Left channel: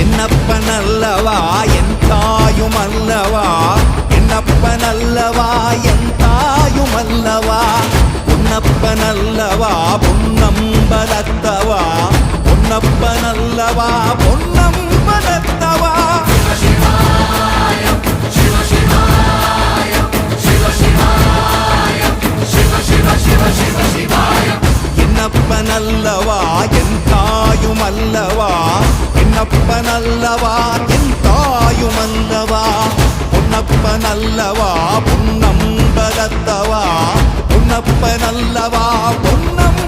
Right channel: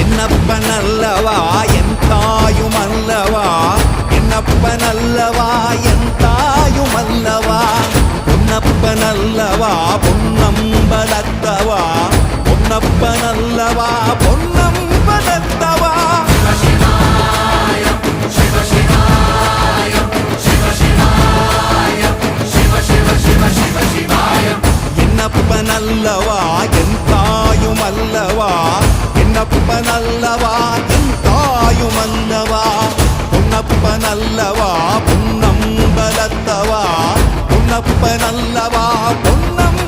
என்னப்பனல்லவா என் தாயுமல்லவா, என்னப்பனல்லவா என் தாயுமல்லவா, பொன்னப்பனல்லவா பொன்னம்பலத்தவா, பொன்னப்பனல்லவா பொன்னம்பலத்தவா. என்னப்பனல்லவா என் தாயுமல்லவா, என்னப்பனல்லவா என் தாயுமல்லவா, பொன்னப்பனல்லவா பொன்னம்பலத்தவா, பொன்னப்பனல்லவா பொன்னம்